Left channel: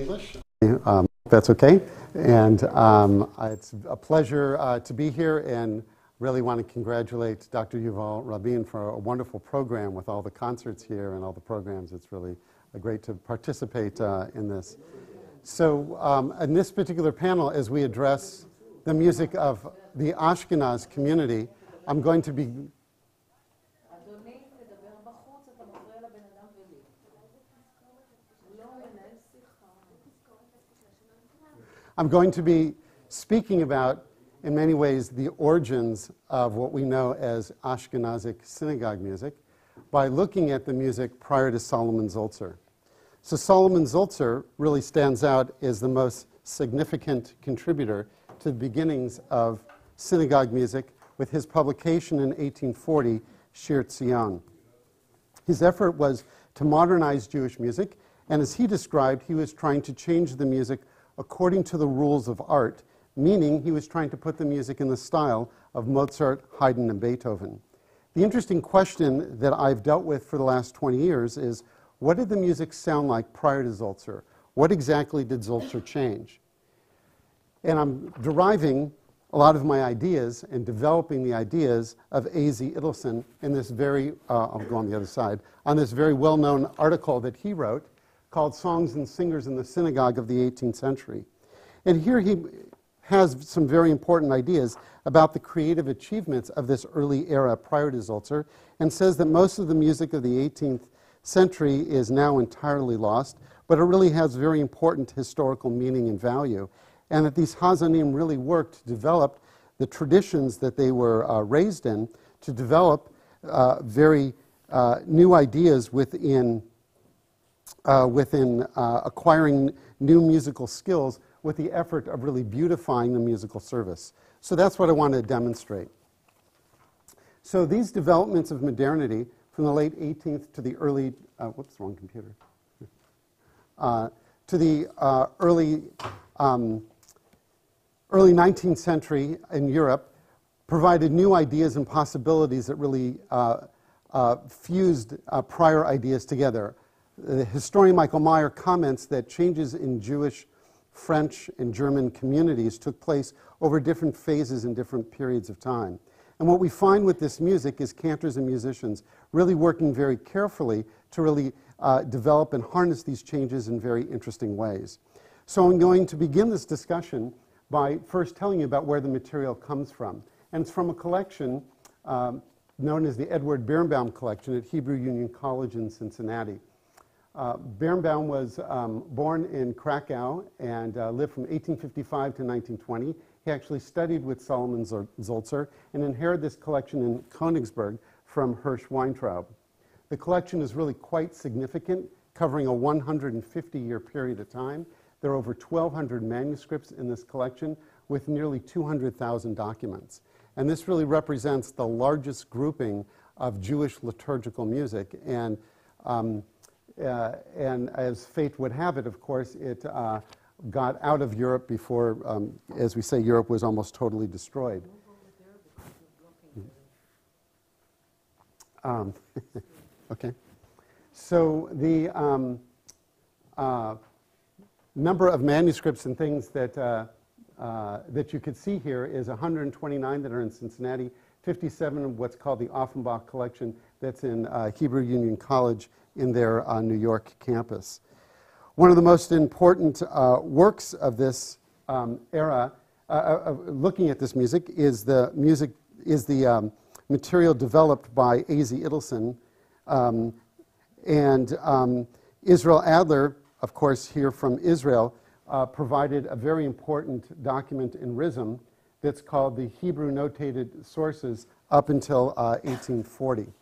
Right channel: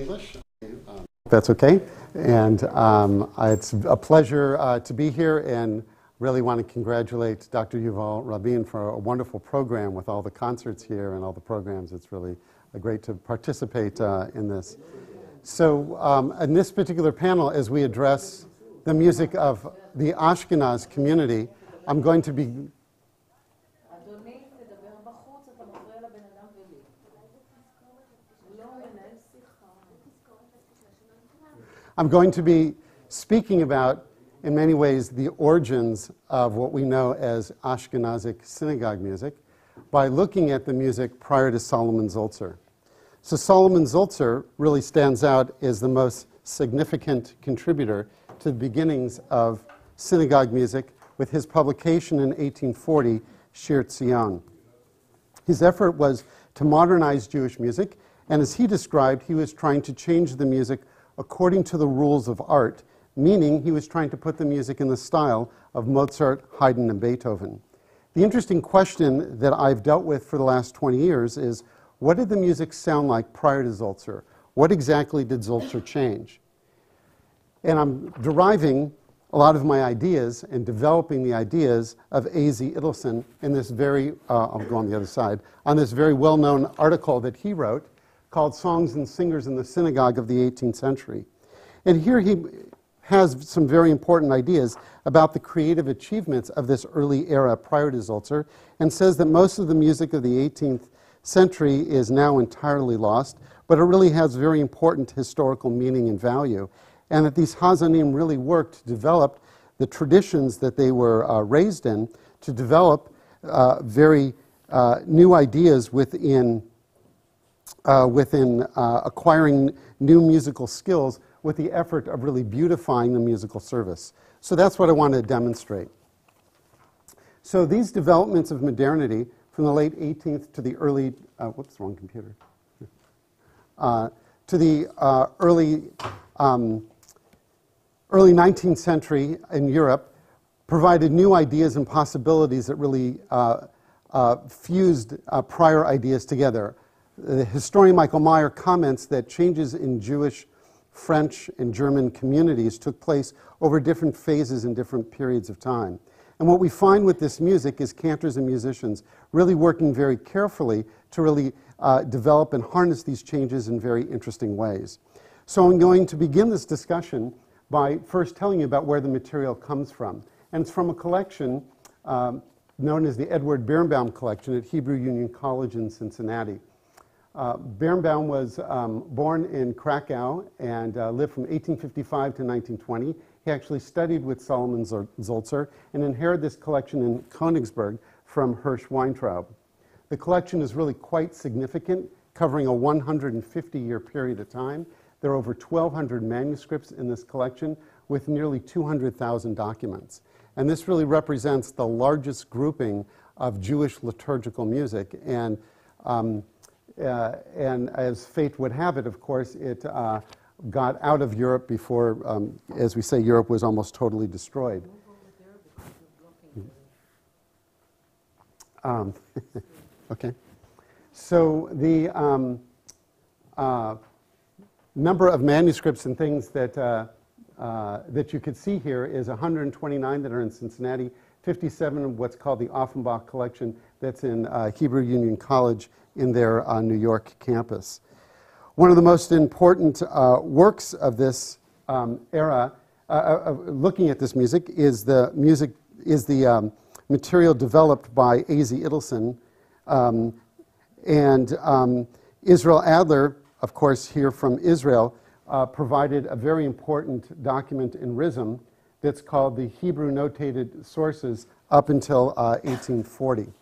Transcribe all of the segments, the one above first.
English. That's okay. And it's a pleasure to be here, and really want to congratulate Dr. Yuval Rabin for a wonderful program with all the concerts here and all the programs. It's really great to participate in this. So in this particular panel, as we address the music of the Ashkenaz community, I'm going to be speaking about, in many ways, the origins of what we know as Ashkenazic synagogue music by looking at the music prior to Solomon Zoltzer. So Solomon Zoltzer really stands out as the most significant contributor to the beginnings of synagogue music with his publication in 1840, Shir ציון. His effort was to modernize Jewish music, and as he described, he was trying to change the music according to the rules of art, meaning he was trying to put the music in the style of Mozart, Haydn, and Beethoven. The interesting question that I've dealt with for the last 20 years is, what did the music sound like prior to Zoltzer? What exactly did Zoltzer change? And I'm deriving a lot of my ideas and developing the ideas of A.Z. Idelson in this very, I'll go on the other side, on this very well-known article that he wrote called Songs and Singers in the Synagogue of the 18th Century. And here he has some very important ideas about the creative achievements of this early era prior to Zoltzer, and says that most of the music of the 18th century is now entirely lost, but it really has very important historical meaning and value, and that these Hazanim really worked to develop the traditions that they were raised in, to develop very new ideas within acquiring new musical skills with the effort of really beautifying the musical service. So that's what I want to demonstrate. So these developments of modernity from the late 18th to the early, whoops, wrong computer, to the early 19th century in Europe provided new ideas and possibilities that really fused prior ideas together. The historian Michael Meyer comments that changes in Jewish, French, and German communities took place over different phases and different periods of time. And what we find with this music is cantors and musicians really working very carefully to really develop and harness these changes in very interesting ways. So I'm going to begin this discussion by first telling you about where the material comes from. And it's from a collection known as the Edward Birnbaum collection at Hebrew Union College in Cincinnati. Birnbaum was born in Krakow and lived from 1855 to 1920. He actually studied with Solomon Zoltzer and inherited this collection in Königsberg from Hirsch Weintraub. The collection is really quite significant, covering a 150-year period of time. There are over 1,200 manuscripts in this collection with nearly 200,000 documents. And this really represents the largest grouping of Jewish liturgical music. And as fate would have it, of course, it got out of Europe before, as we say, Europe was almost totally destroyed. Okay. So the number of manuscripts and things that, that you could see here is 129 that are in Cincinnati, 57 of what's called the Offenbach collection that's in Hebrew Union College in their New York campus. One of the most important works of this era, looking at this music, is the material developed by A.Z. Idelson, and Israel Adler, of course, here from Israel, provided a very important document in Rhythm that's called the Hebrew Notated Sources up until 1840.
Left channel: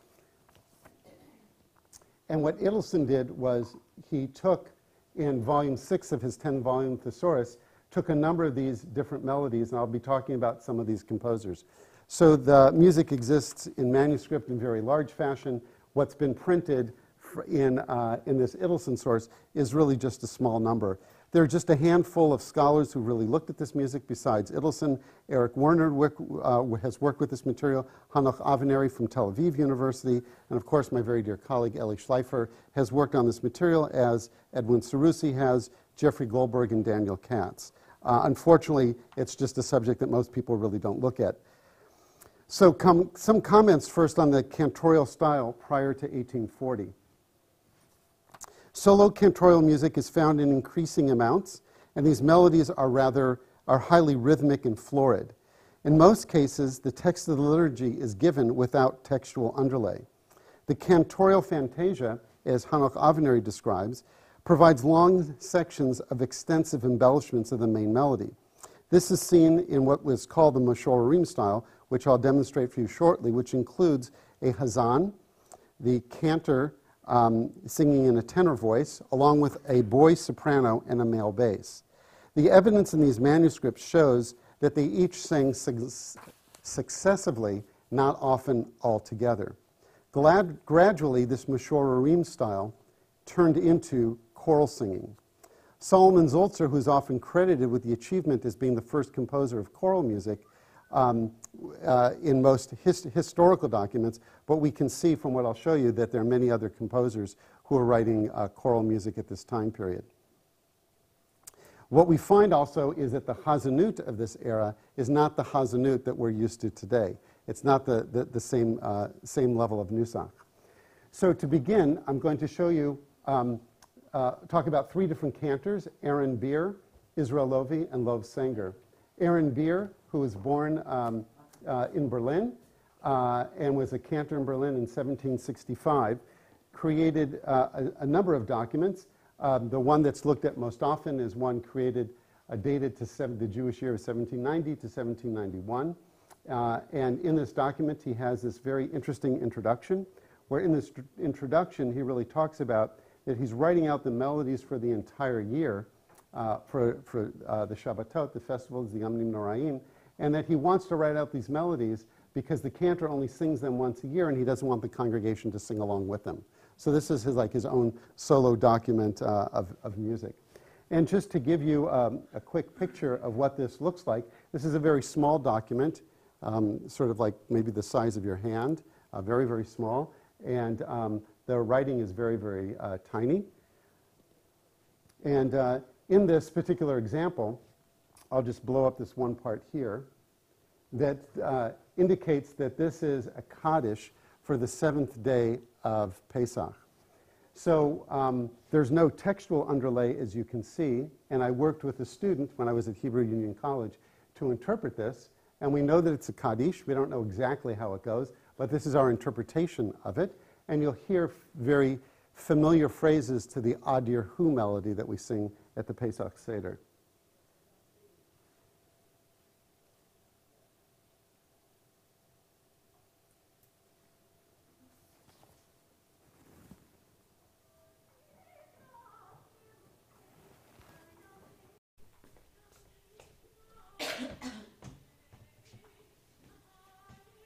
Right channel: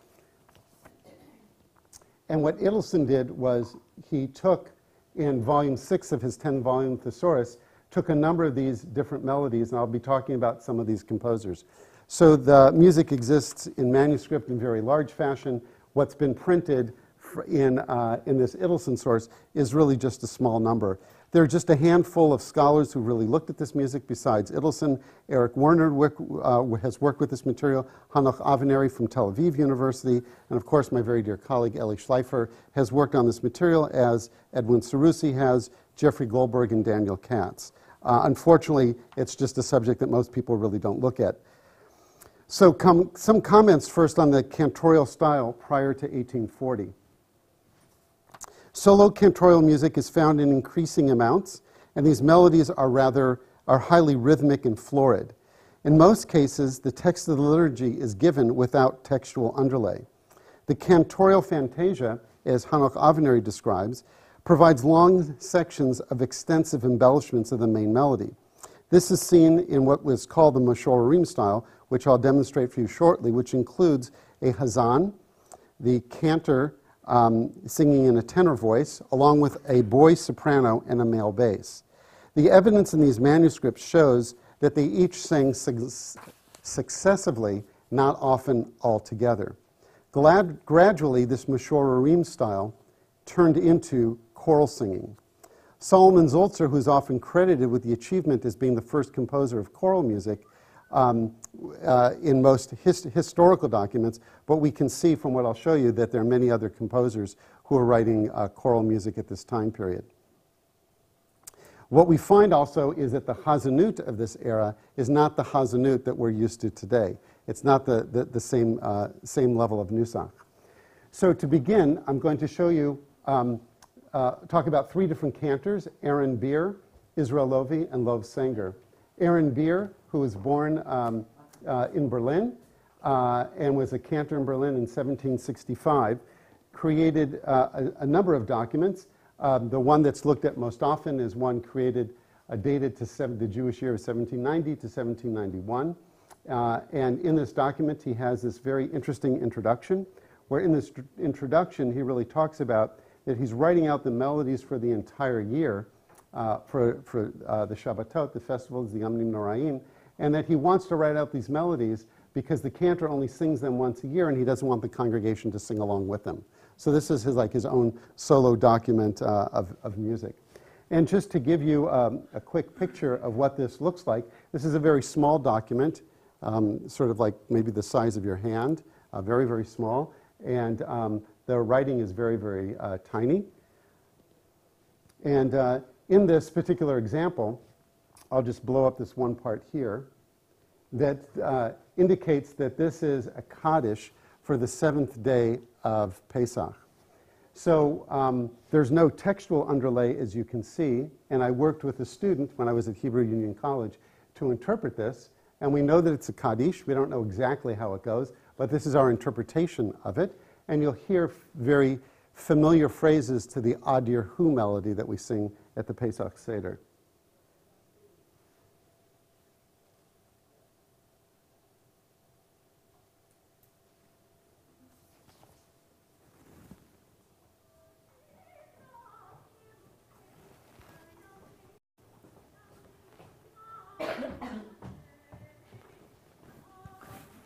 And what Idelson did was he took, in volume 6 of his 10-volume thesaurus, took a number of these different melodies, and I'll be talking about some of these composers. So the music exists in manuscript in very large fashion. What's been printed in this Idelson source is really just a small number. There are just a handful of scholars who really looked at this music besides Idelson. Eric Werner has worked with this material. Hanoch Aveneri from Tel Aviv University. And of course, my very dear colleague, Eli Schleifer, has worked on this material, as Edwin Sarusi has, Jeffrey Goldberg and Daniel Katz. Unfortunately, it's just a subject that most people really don't look at. So some comments first on the cantorial style prior to 1840. Solo cantorial music is found in increasing amounts, and these melodies are highly rhythmic and florid. In most cases, the text of the liturgy is given without textual underlay. The cantorial fantasia, as Hanoch Avenary describes, provides long sections of extensive embellishments of the main melody. This is seen in what was called the Moshorim style, which I'll demonstrate for you shortly, which includes a hazan, the cantor singing in a tenor voice, along with a boy soprano and a male bass. The evidence in these manuscripts shows that they each sang successively, not often all together. Gradually, this Moshorim style turned into choral singing. Solomon Zoltzer, who's often credited with the achievement as being the first composer of choral music in most historical documents, but we can see from what I'll show you that there are many other composers who are writing choral music at this time period. What we find also is that the hazanut of this era is not the hazanut that we're used to today. It's not the same level of nusach. So to begin, I'm going to show you, talk about three different cantors, Aaron Beer, Israel Lovi, and Lov Sanger. Aaron Beer, who was born in Berlin and was a cantor in Berlin in 1765, created a number of documents. The one that's looked at most often is one created, dated to the Jewish year of 1790 to 1791. And in this document, he has this very interesting introduction, where in this introduction, he really talks about that he's writing out the melodies for the entire year, for the Shabbatot, the festivals, the Yamim Noraim, and that he wants to write out these melodies because the cantor only sings them once a year, and he doesn't want the congregation to sing along with them. So this is his own solo document of music. And just to give you a quick picture of what this looks like, this is a very small document, sort of like maybe the size of your hand, very, very small. And the writing is very, very tiny. And in this particular example, I'll just blow up this one part here, that indicates that this is a Kaddish for the 7th day of Pesach. So there's no textual underlay, as you can see, and I worked with a student when I was at Hebrew Union College to interpret this, and we know that it's a Kaddish. We don't know exactly how it goes, but this is our interpretation of it, and you'll hear very familiar phrases to the Adir Hu melody that we sing at the Pesach Seder.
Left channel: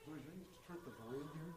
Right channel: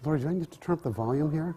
Lori, do I need to turn up the volume here?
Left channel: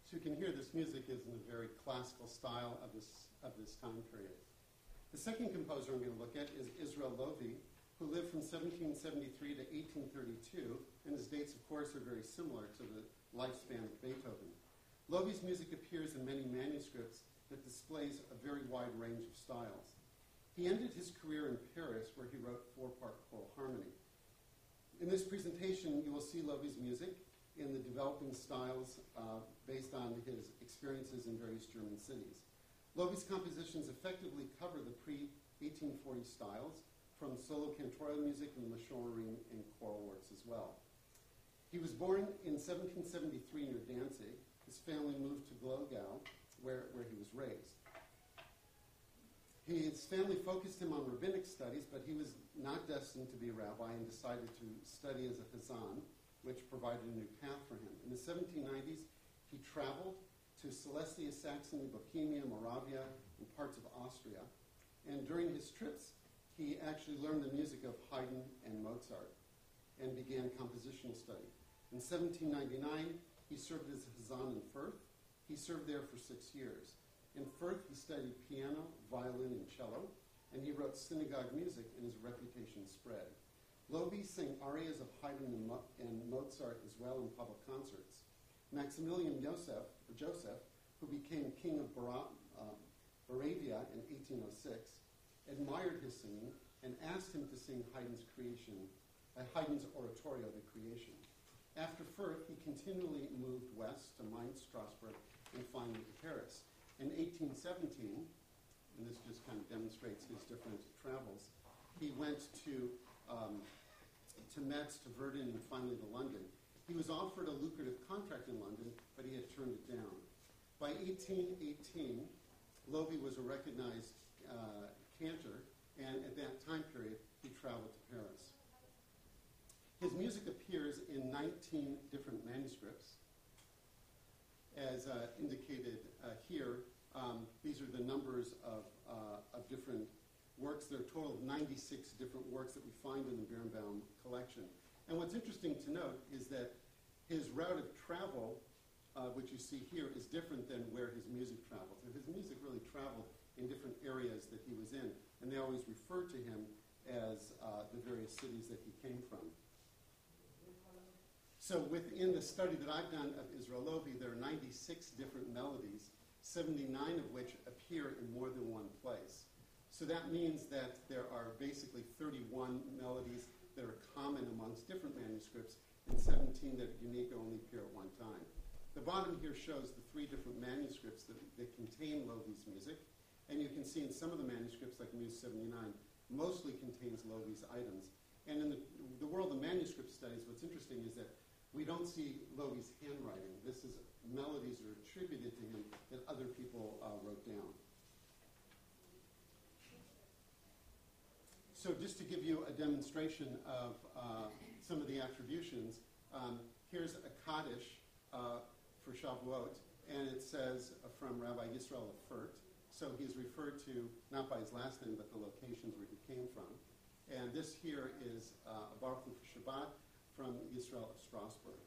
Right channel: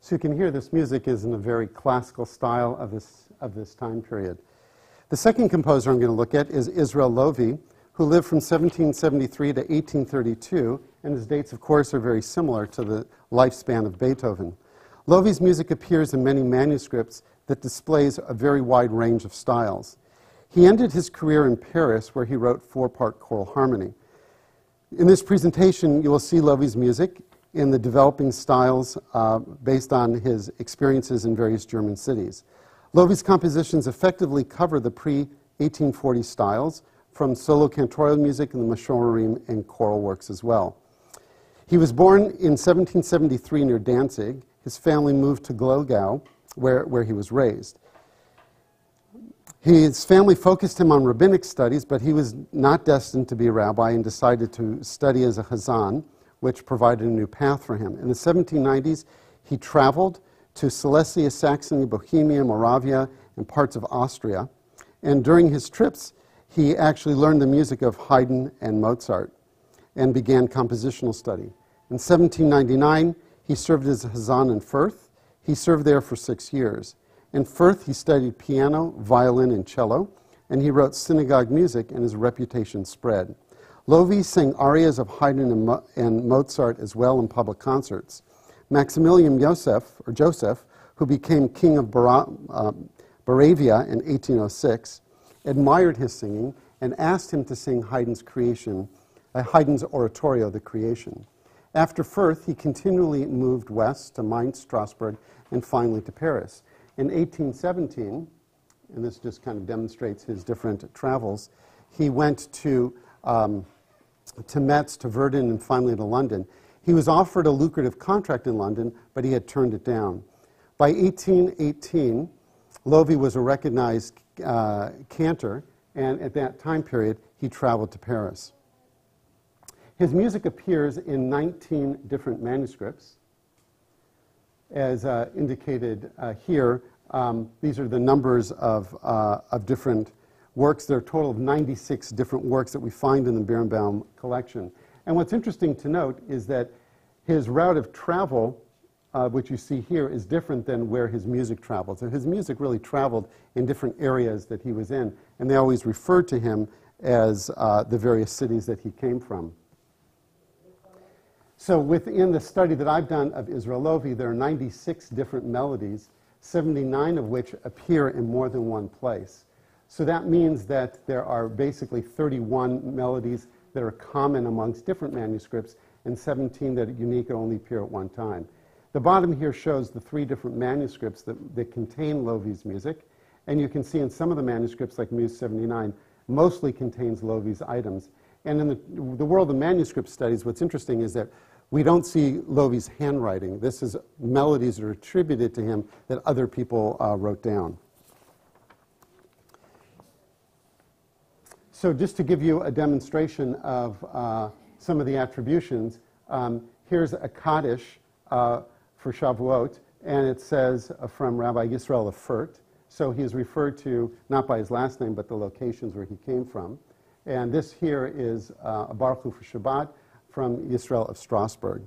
So you can hear this music is in a very classical style of this time period. The second composer I'm going to look at is Israel Lovi, who lived from 1773 to 1832, and his dates, of course, are very similar to the lifespan of Beethoven. Lovi's music appears in many manuscripts that displays a very wide range of styles. He ended his career in Paris, where he wrote 4-part choral harmony. In this presentation, you will see Lovi's music in the developing styles based on his experiences in various German cities. Lovi's compositions effectively cover the pre-1840 styles, from solo cantorial music and the Moshorim and choral works as well. He was born in 1773 near Danzig. His family moved to Glogau, where he was raised. His family focused him on rabbinic studies, but he was not destined to be a rabbi and decided to study as a hazan, which provided a new path for him. In the 1790s, He traveled to Silesia, Saxony, Bohemia, Moravia, and parts of Austria. And during his trips, he actually learned the music of Haydn and Mozart and began compositional study. In 1799, he served as a Hazan in Fürth. He served there for 6 years. In Fürth, he studied piano, violin, and cello, and he wrote synagogue music, and his reputation spread. Lovi sang arias of Haydn and Mozart as well in public concerts. Maximilian Joseph, who became king of Moravia in 1806, admired his singing and asked him to sing Haydn's oratorio, The Creation. After Fürth, he continually moved west to Mainz, Strasbourg, and finally to Paris. In 1817, and this just kind of demonstrates his different travels, he went to Metz, to Verdun, and finally to London. He was offered a lucrative contract in London, but he had turned it down. By 1818, Lovi was a recognized cantor, and at that time period, he traveled to Paris. His music appears in 19 different manuscripts. As indicated here, these are the numbers of different works. There are a total of 96 different works that we find in the Birnbaum collection. And what's interesting to note is that his route of travel, which you see here, is different than where his music traveled. So his music really traveled in different areas that he was in, and they always referred to him as the various cities that he came from. So within the study that I've done of Israel Lovi, there are 96 different melodies, 79 of which appear in more than one place. So that means that there are basically 31 melodies that are common amongst different manuscripts and 17 that are unique and only appear at one time. The bottom here shows the 3 different manuscripts that contain Lovi's music. And you can see in some of the manuscripts, like Muse 79, mostly contains Lovi's items. And in the world of manuscript studies, what's interesting is that we don't see Lovi's handwriting. This is melodies that are attributed to him that other people wrote down. So just to give you a demonstration of some of the attributions, here's a Kaddish for Shavuot, and it says from Rabbi Yisrael of Fürth. So he is referred to not by his last name, but the locations where he came from. And this here is a Baruch Hu for Shabbat from Yisrael of Strasbourg.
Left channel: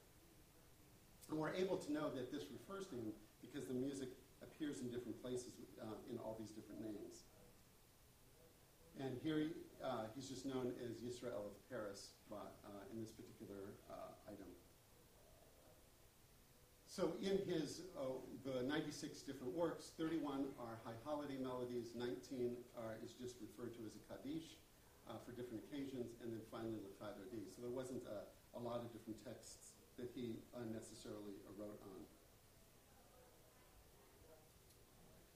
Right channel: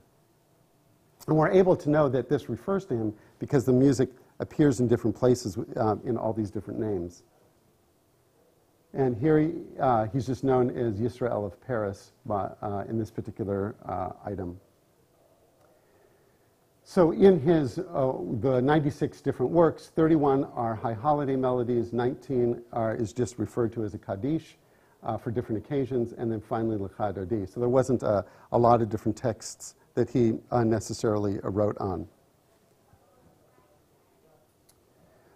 And we're able to know that this refers to him because the music appears in different places in all these different names. And here he's just known as Yisrael of Paris in this particular item. So in his, the 96 different works, 31 are high holiday melodies, 19 is just referred to as a Kaddish for different occasions, and then finally L'cha Dodi. So there wasn't a lot of different texts that he necessarily wrote on.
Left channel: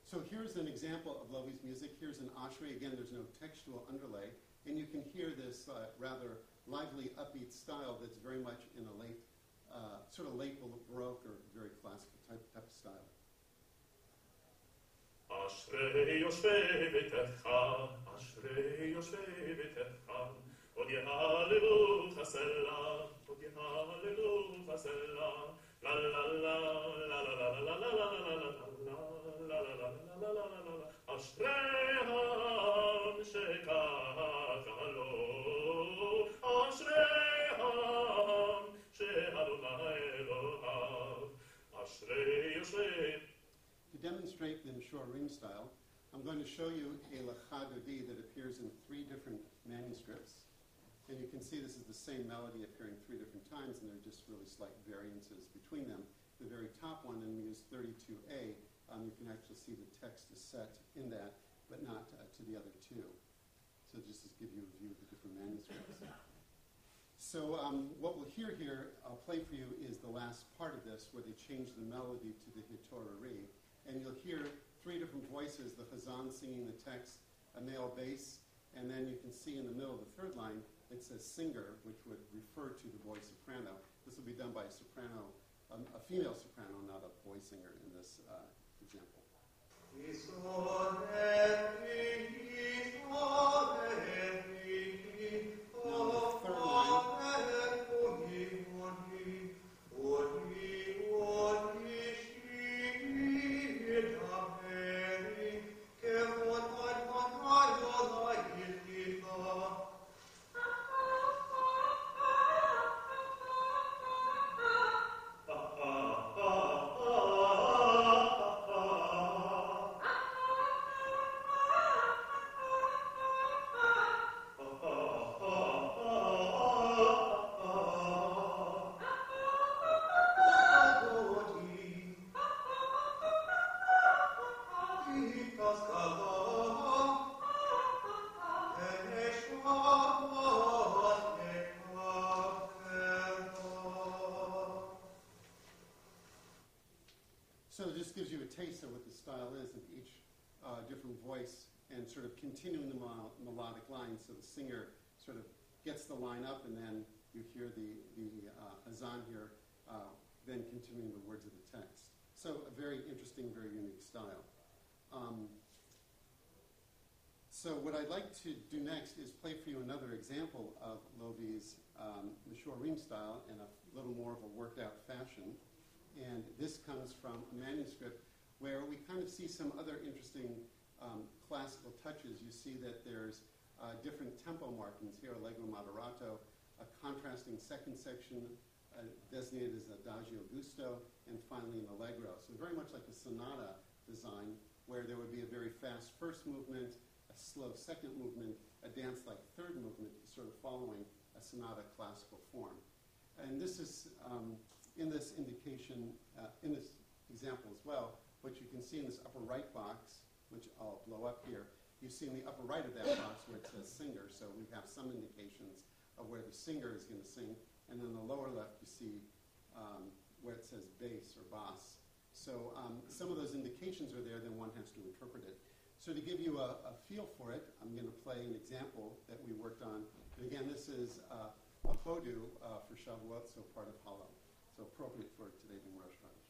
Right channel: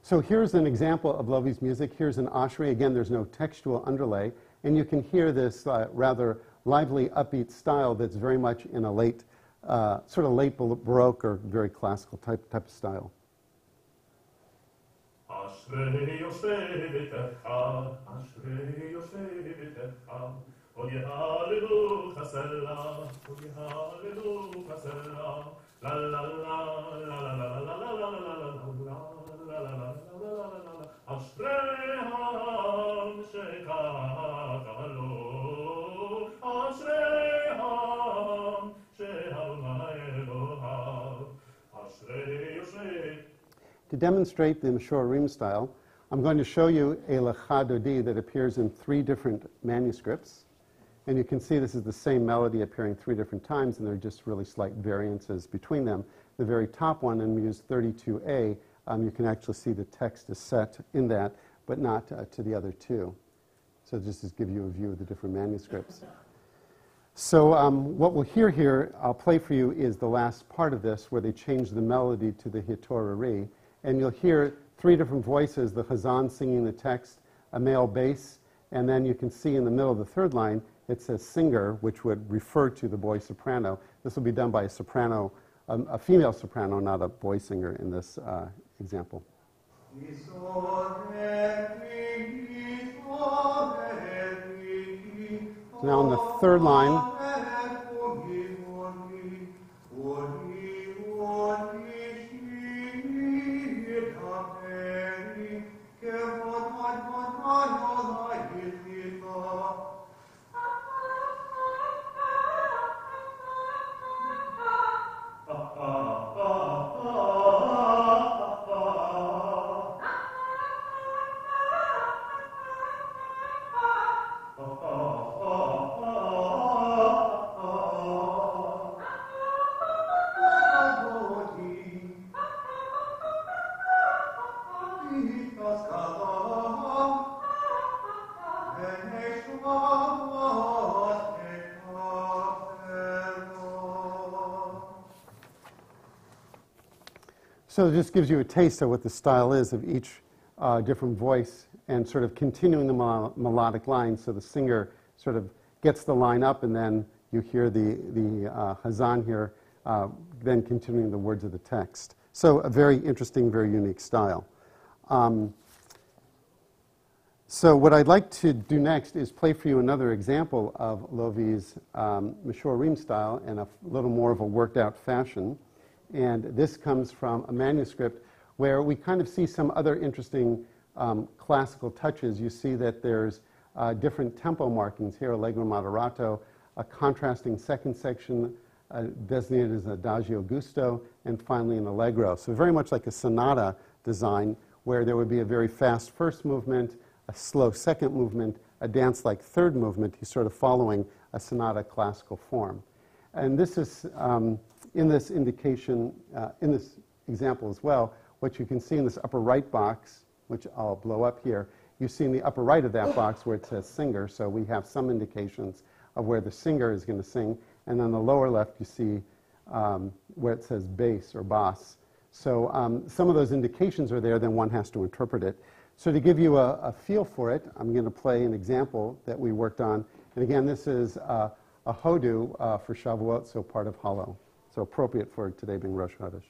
So here's an example of Lovi's music. Here's an Ashri. Again, there's no textual underlay, and you can hear this rather lively, upbeat style that's very much in a late, sort of late Baroque or very classical type of style. To demonstrate the Mishorim style, I'm going to show you a L'cha Dodi that appears in 3 different manuscripts. And you can see this is the same melody appearing 3 different times, and there are just really slight variances between them. The very top one in Muse 32a, you can actually see the text is set in that, but not to the other 2. So just to give you a view of the different manuscripts. So what we'll hear here, I'll play for you, is the last part of this, where they change the melody to the Hitorari. And you'll hear 3 different voices, the Chazan singing the text, a male bass, and then you can see in the middle of the 3rd line, it says singer, which would refer to the boy soprano. This will be done by a soprano, a female soprano, not a boy singer in this example. Now on the 3rd line, So it just gives you a taste of what the style is of each different voice and sort of continuing the melodic line. So the singer sort of gets the line up and then you hear the hazan here, then continuing the words of the text. So a very interesting, very unique style. So what I'd like to do next is play for you another example of Lovi's Mishorim style in a little more of a worked out fashion. And this comes from a manuscript where we kind of see some other interesting classical touches. You see that there's different tempo markings here, allegro moderato, a contrasting second section designated as adagio gusto, and finally an allegro. So very much like a sonata design where there would be a very fast first movement, a slow second movement, a dance-like third movement. He's sort of following a sonata classical form. And this is, in this indication, in this example as well, what you can see in this upper right box, which I'll blow up here, you see in the upper right of that box where it says singer, so we have some indications of where the singer is going to sing. And then the lower left you see where it says bass or bass. So some of those indications are there, then one has to interpret it. So to give you a feel for it, I'm going to play an example that we worked on. And again, this is a hodu for Shavuot, so part of Halo. So appropriate for today being Rosh Chodesh.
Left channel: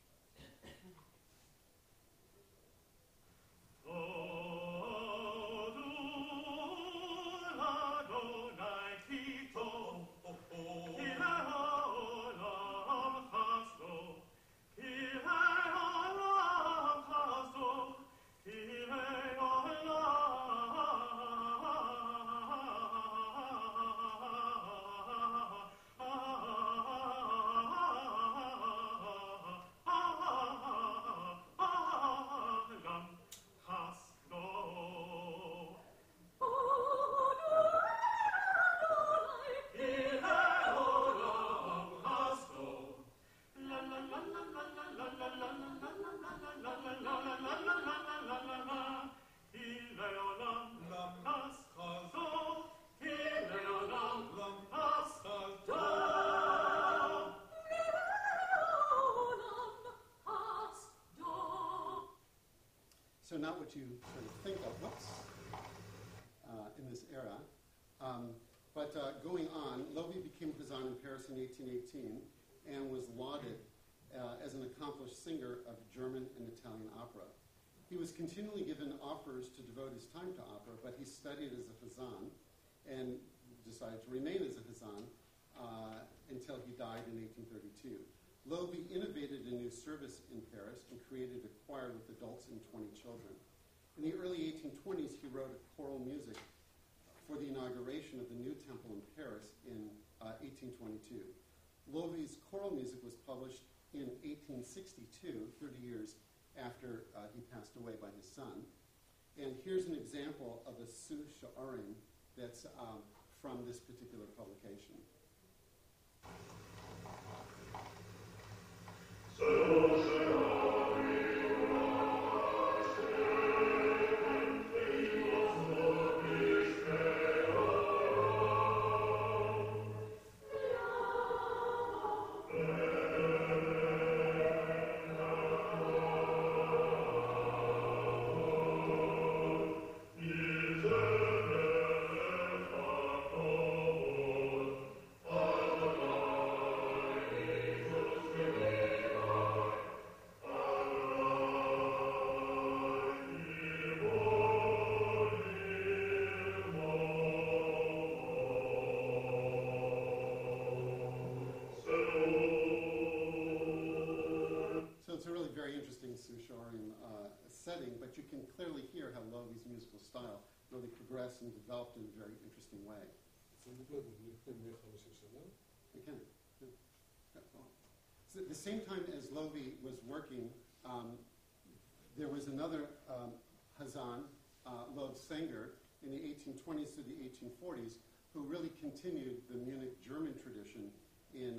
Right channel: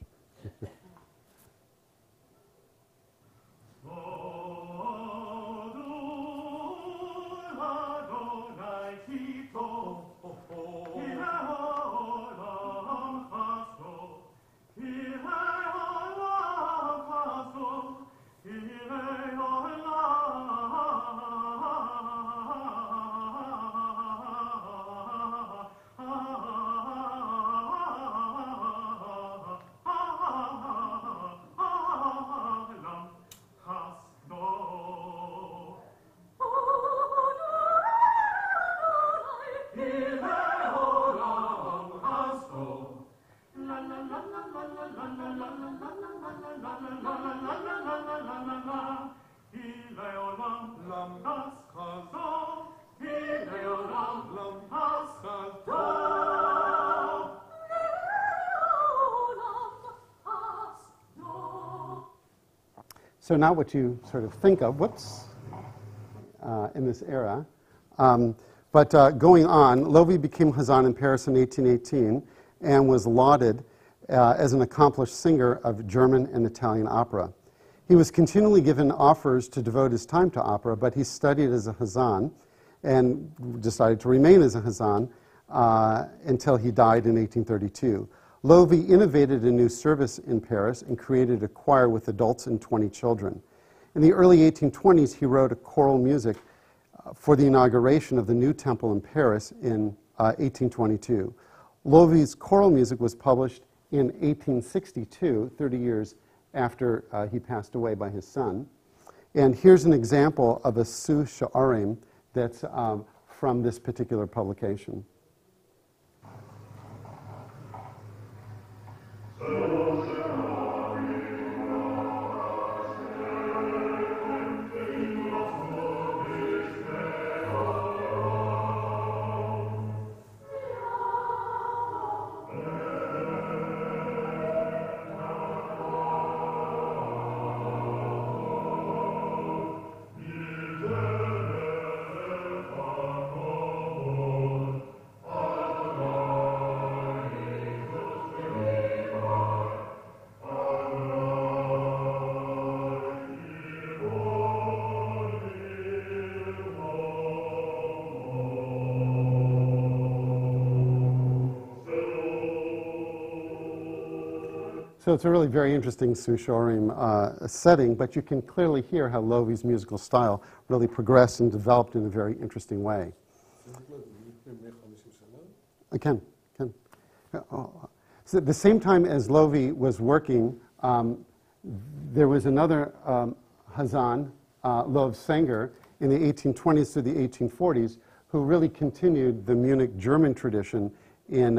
So not what you sort of think of, in this era. But going on, Lovi became Hazan in Paris in 1818 and was lauded as an accomplished singer of German and Italian opera. He was continually given offers to devote his time to opera, but he studied as a Hazan and decided to remain as a Hazan until he died in 1832. Lovi innovated a new service in Paris and created a choir with adults and 20 children. In the early 1820s, he wrote a choral music for the inauguration of the new temple in Paris in 1822. Lovi's choral music was published in 1862, 30 years after he passed away by his son. And here's an example of a Su Sha'arim that's from this particular publication. So it's a really very interesting Sushorim setting, but you can clearly hear how Lovi's musical style really progressed and developed in a very interesting way. I can. So at the same time as Lovi was working, there was another Hazan, Lov Sanger, in the 1820s to the 1840s, who really continued the Munich German tradition in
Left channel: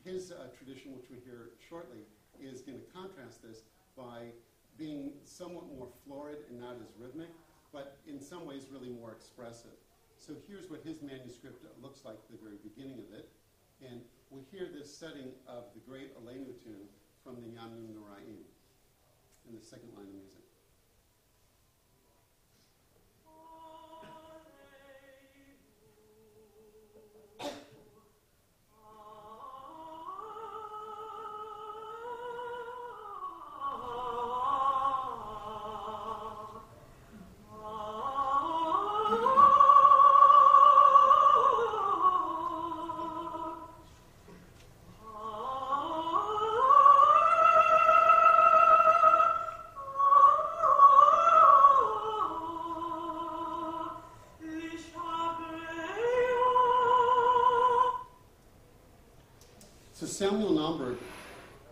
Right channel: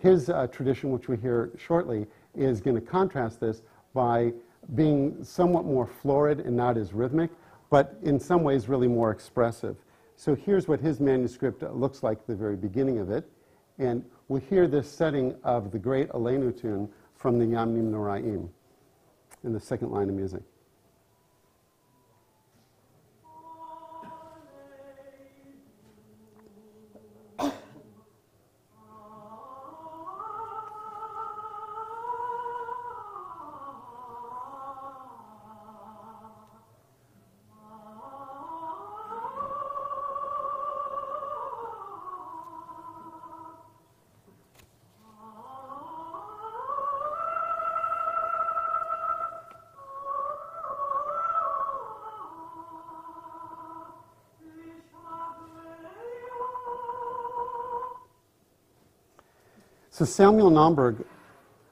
his tradition, which we hear shortly, is going to contrast this by being somewhat more florid and not as rhythmic, but in some ways really more expressive. So here's what his manuscript looks like at the very beginning of it. And we'll hear this setting of the great Aleinu tune from the Yamim Noraim in the second line of music. So Samuel Nam Berg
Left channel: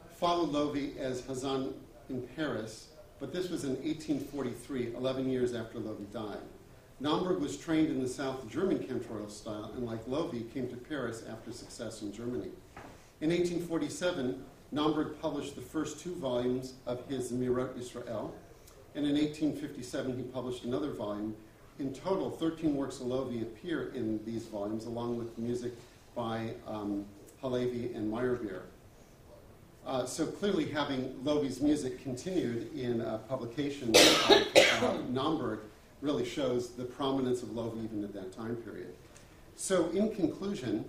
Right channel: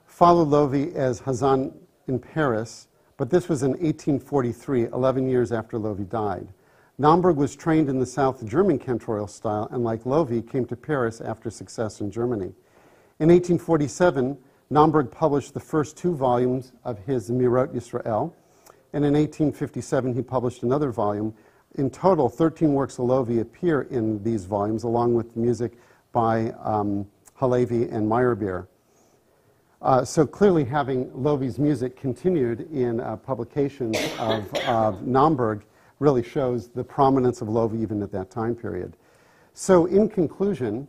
followed Lovi as Hazan in Paris, but this was in 1843, 11 years after Lovi died. Nam Berg was trained in the South German Cantorial Style, and like Lovi, came to Paris after success in Germany. In 1847, Nam Berg published the first 2 volumes of his Mirot Yisrael, and in 1857 he published another volume. In total, 13 works of Lovi appear in these volumes, along with music by Halevi and Meyerbeer. So clearly having Lovi's music continued in publications of Nam Berg really shows the prominence of Lovi even at that time period. So in conclusion,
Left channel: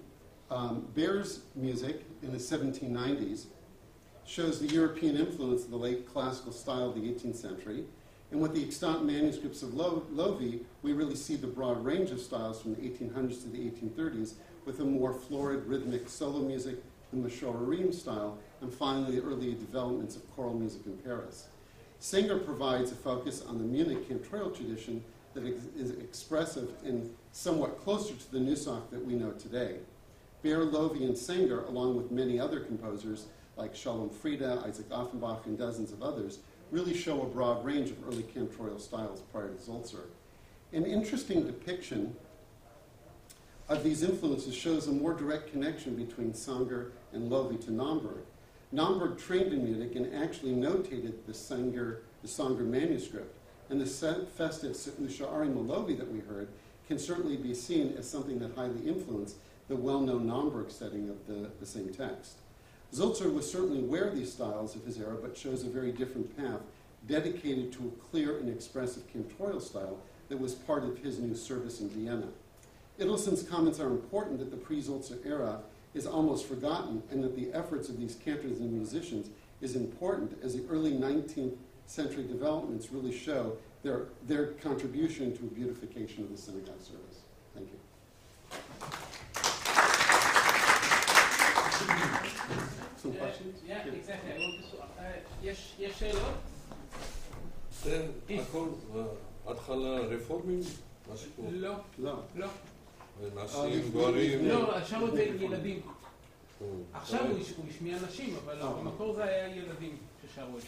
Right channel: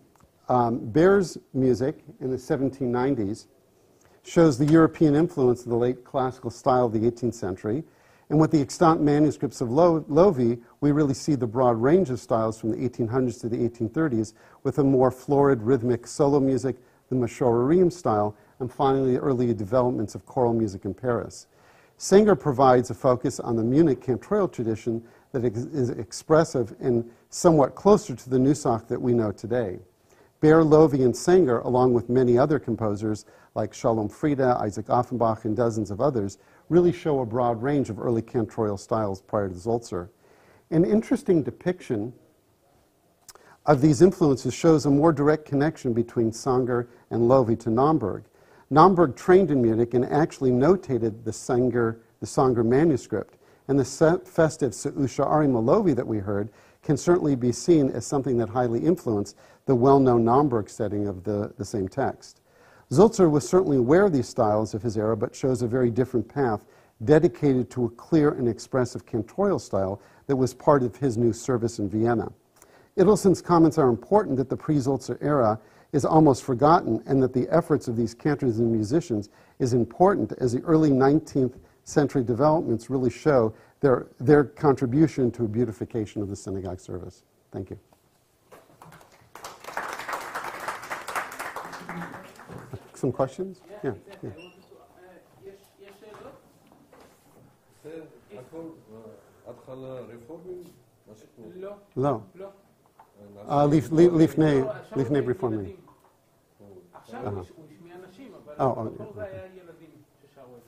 Behr's music in the 1790s shows the European influence of the late classical style of the 18th century. And with the extant manuscripts of Lovi, we really see the broad range of styles from the 1800s to the 1830s, with a more florid, rhythmic solo music, the Mashorerim style, and finally the early developments of choral music in Paris. Sanger provides a focus on the Munich cantorial tradition that is expressive and somewhat closer to the Nusach that we know today. Behr, Lovi, and Sanger, along with many other composers like Shalom Frieda, Isaac Offenbach, and dozens of others, really show a broad range of early cantorial styles prior to Zoltzer. An interesting depiction of these influences shows a more direct connection between Sanger and Lovi to Nam Berg. Nam Berg trained in Munich and actually notated the Sanger manuscript, and the festive Se'usha Arima Lovi that we heard can certainly be seen as something that highly influenced the well-known Nam Berg setting of the same text. Zoltzer was certainly aware of these styles of his era, but chose a very different path, dedicated to a clear and expressive cantorial style that was part of his new service in Vienna. Idelson's comments are important that the pre-Zoltzer era is almost forgotten, and that the efforts of these cantors and musicians is important, as the early 19th century developments really show their contribution to a beautification of the synagogue service. Thank you. Some questions? Yeah, exactly. יש שאלות? זה הכל התחלה רפורמים? לא. לפני רפורמים. עכשיו הוא השמיע נשים, אבל במקור זה היה ילדים ששרו את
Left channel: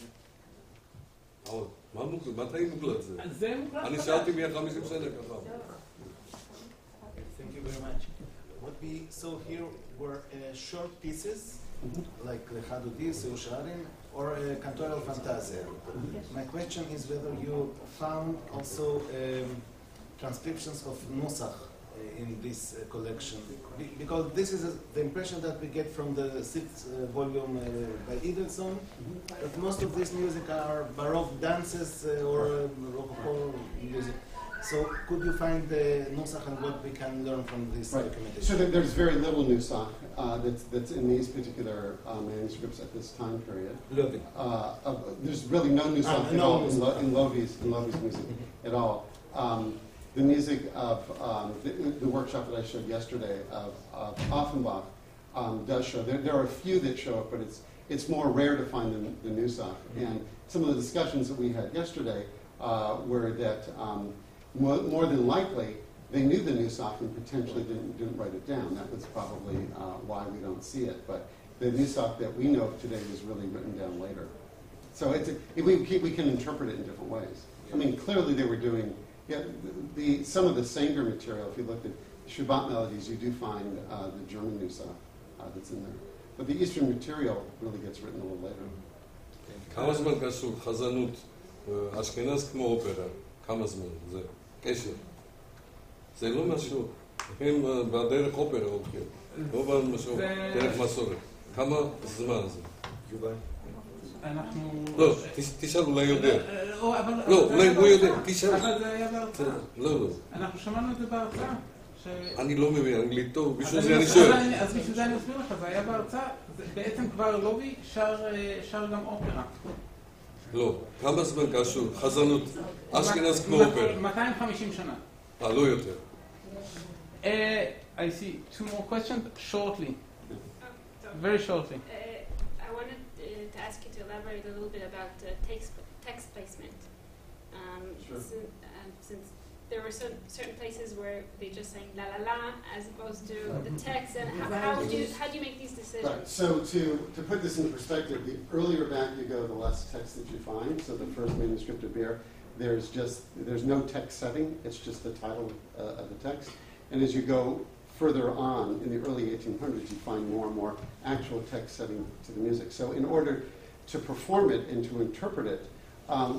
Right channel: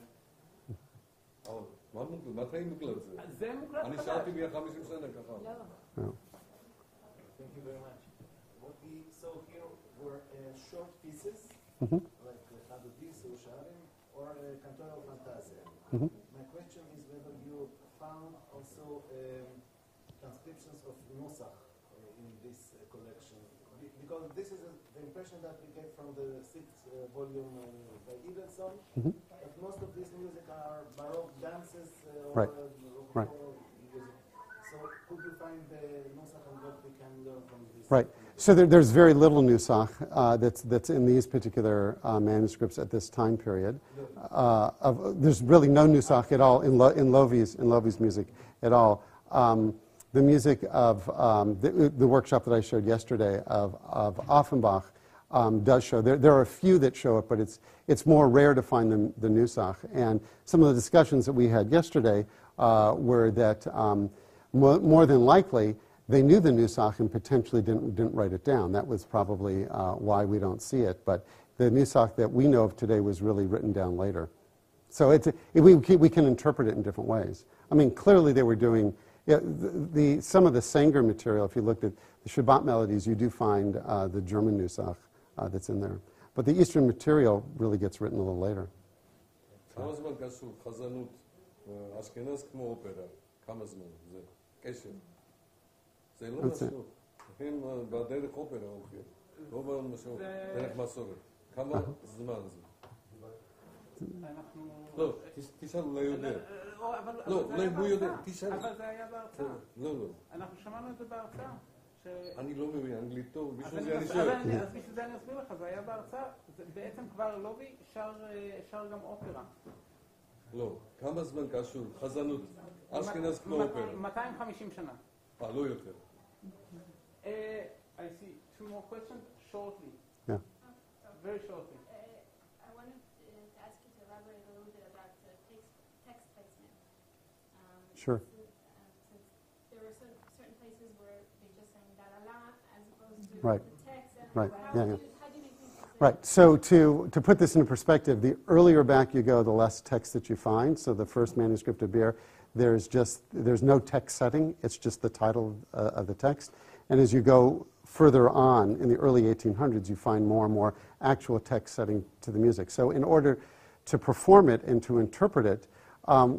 זה. מתי מוקלט זה? אני שאלתי 150 שנה ככה. Thank you very much. What we saw here were short pieces, like Lechadudi, Seusharim, or Cantorial Fantasia. My question is whether you found also transcriptions of Nusach in this collection, because this is the impression that we get from the 6th volume by Idelson, that most of this music are Baroque dances or Rococo music. So could you find the Nusach and what we can learn from this documentation? So there's very little Nusach that's in these particular manuscripts at this time period. There's really no Nusach at all in Lovi's music at all. The music of the workshop that I showed yesterday of Offenbach does show. There are a few that show it, but it's more rare to find the nusach. And some of the discussions that we had yesterday were that more than likely they knew the nusach and potentially didn't write it down. That was probably why we don't see it. But the nusach that we know of today was really written down later. So we can interpret it in different ways. I mean, clearly they were doing some of the Sanger material. If you looked at the Shabbat melodies, you do find the German nusach that's in there. But the Eastern material really gets written a little later. כמה זמן קשור חזנות אשכנז כמו אופרה? כמה זמן? זה קשר. זה לא משהו. הם בדרך אופרה הולכים. לא במשהו דרך מסורת. כמה זמן זה? אנחנו... לא, תשאל, אולי יודע. לא, אולי לא יודע, תשאל. אבל זה היה בהרצאה. לא. אנחנו שמענו את זה בהרצאה. אני לא מבין, אנגלית טוב, בשביל זה אני שואל. אז בשביל זה אני אסביר לך, זה היה בהרצאה, בעצם כבר לובי שר גם אופרה. לא, כמה זמן קשור? חזנות אשכנז כמו אופרה. 250 שנה. לא יותר. I see two more questions shortly. Yeah. Very shortly. I wanted to ask you to elaborate a little bit about text placement. Sure. Since there were certain places where they just sang la la la as opposed to Right. the text, and Right. how do you make these decisions? Right. So to put this in perspective, the earlier back you go, the less text that you find. So the first manuscript of Bir, there's no text setting. It's just the title of the text. And as you go further on in the early 1800s, you find more and more actual text setting to the music. So in order to perform it and to interpret it,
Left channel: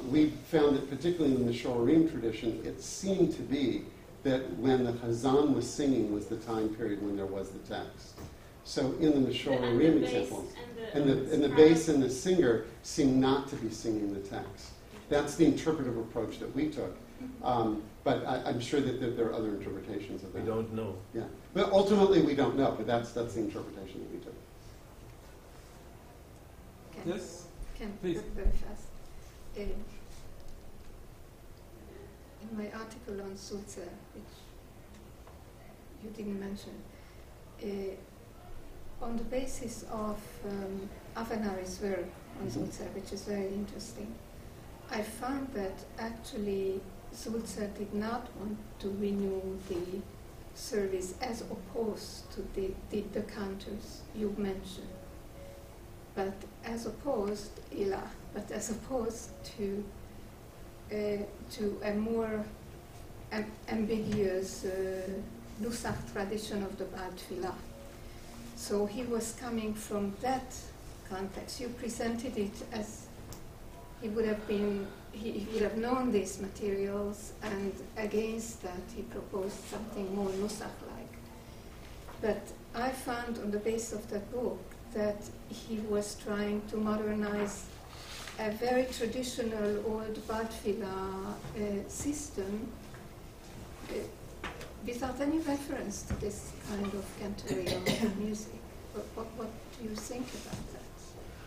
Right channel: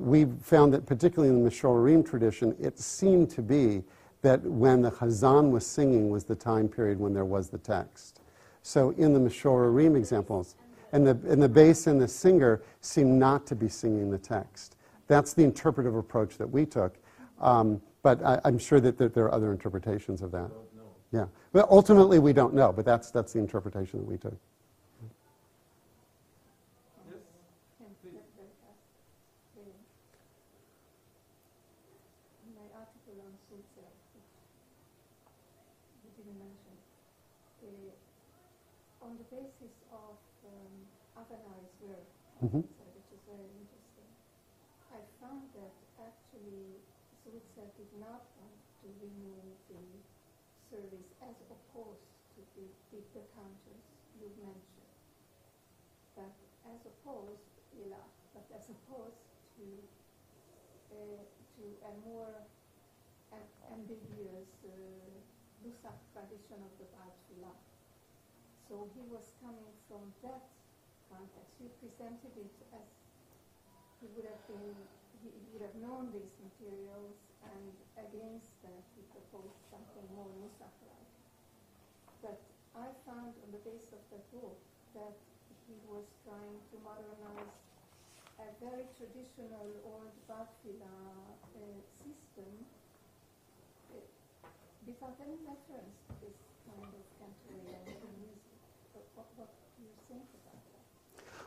we found that particularly in the Mishorim tradition, it seemed to be that when the Chazan was singing was the time period when there was the text. So in the Mishorim examples, and the bass and the singer seem not to be singing the text. That's the interpretive approach that we took. But I'm sure that there are other interpretations of that. We don't know. Yeah. But ultimately we don't know, but that's the interpretation that we took. Yes? Please. Very fast. In my article on Zulzer, which you didn't mention, on the basis of Avenari's work on Zulzer, which is very interesting, I found that actually Zulzer did not want to renew the service as opposed to the cantors you mentioned, but as opposed to a more ambiguous Nusach tradition of the Baal Tfilah. So he was coming from that context. You presented it as he would have known these materials, and against that he proposed something more Nusach-like. But I found on the basis of that book that he was trying to modernize a very traditional old Baal Tfilah system without any reference to this kind of cantorial music. What do you think about that?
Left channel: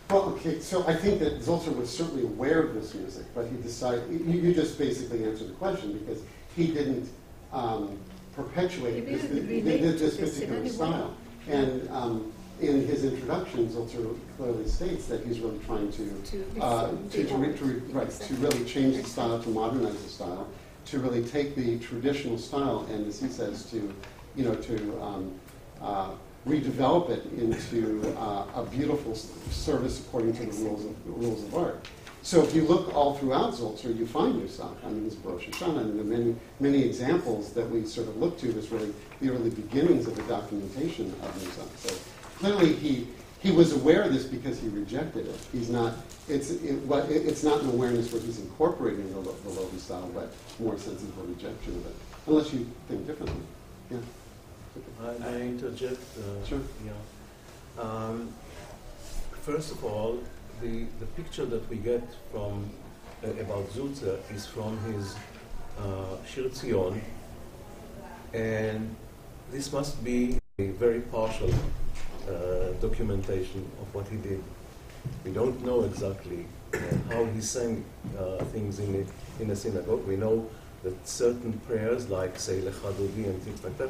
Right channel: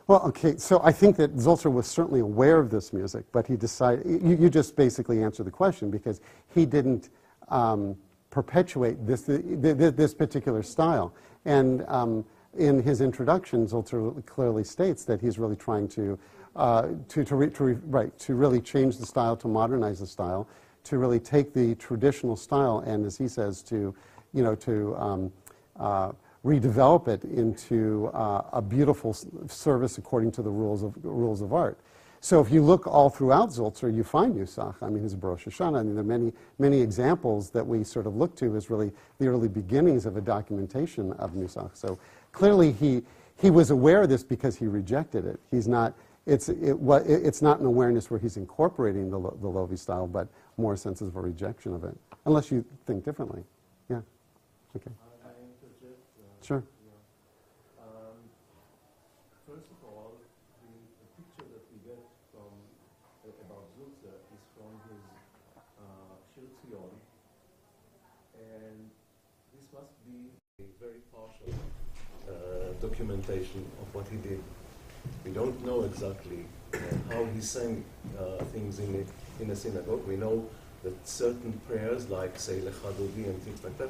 Well, okay, so I think that Zolzer was certainly aware of this music, but he decided, you just basically answered the question, because he didn't perpetuate this particular style. And in his introduction, Zolzer clearly states that he's really trying to really change the style, to modernize the style, to really take the traditional style and, as he says, to redevelop it into a beautiful service according to the rules of art. So if you look all throughout Zolzer, you find Nusach. I mean, his Rosh Hashanah, and there are many examples that we sort of look to as really the early beginnings of the documentation of Nusach. So clearly he was aware of this because he rejected it. It's not an awareness where he's incorporating the Lovi style, but more a sense of a rejection of it, unless you think differently. Yeah. Okay. I interject. Sure. Yeah. First of all, the picture that we get from about Zulzer is from his Shir ציון, and this must be a very partial documentation of what he did. We don't know exactly how he sang things in a synagogue. We know that certain prayers, like say Lecha Dodi and things like that,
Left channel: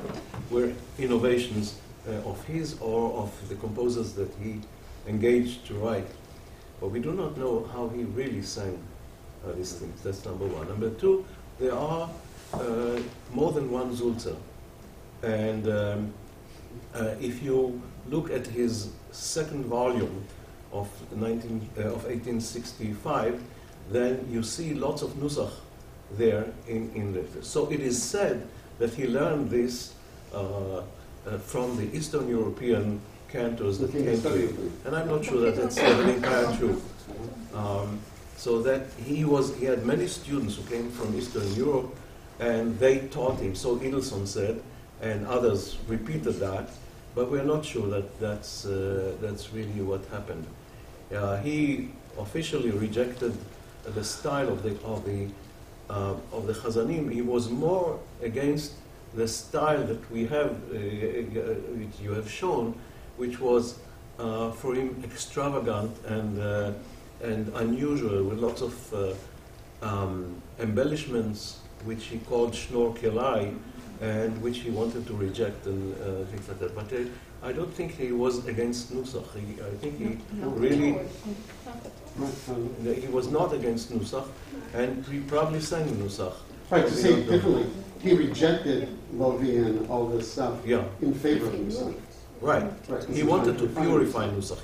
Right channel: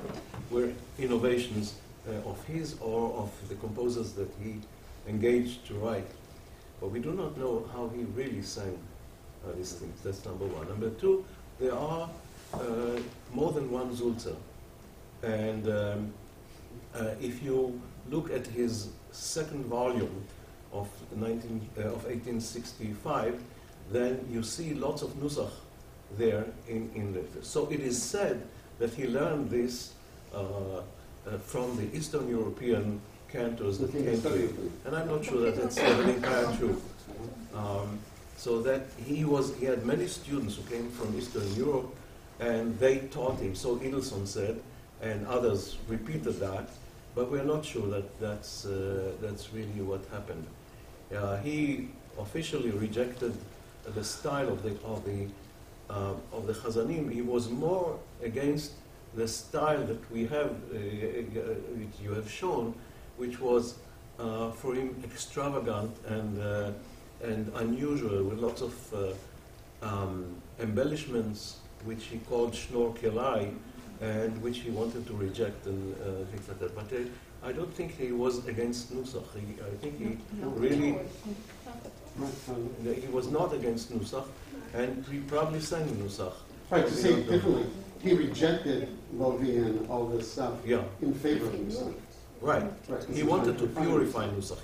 were innovations of his or of the composers that he engaged to write. But we do not know how he really sang these things. That's number one. Number two, there are more than one Zolzer. And if you look at his second volume of 1865, then you see lots of nusach there in the. So it is said that he learned this from the Eastern European cantors that came to him. And I'm not sure that that's the entire truth. So that he had many students who came from Eastern Europe, and they taught him. So Edelson said, and others repeated that, but we're not sure that that's really what happened. He officially rejected the style of the Chazanim. He was more against the style that we have, which you have shown, which was for him extravagant and unusual, with lots of embellishments, which he called Schnorkelei, and which he wanted to reject and things like that. But I don't think he was against Nusach. I think he really... He was not against Nusach, and he probably sang Nusach. Right, to say it differently, he rejected Lovi and all this stuff in favor of Nusach. Right. He wanted to purify Nusach.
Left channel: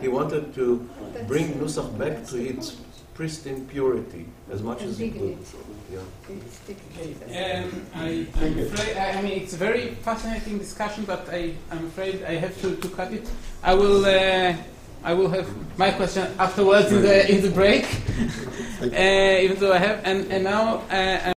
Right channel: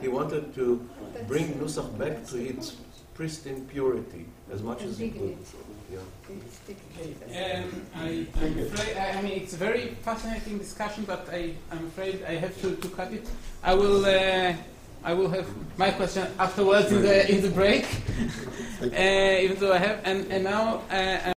He wanted to bring Nusach back to its pristine purity as much as he could. I'm afraid, I mean, it's a very fascinating discussion, but I'm afraid I have to cut it. I will have my question afterwards in the break, even though I have, and now.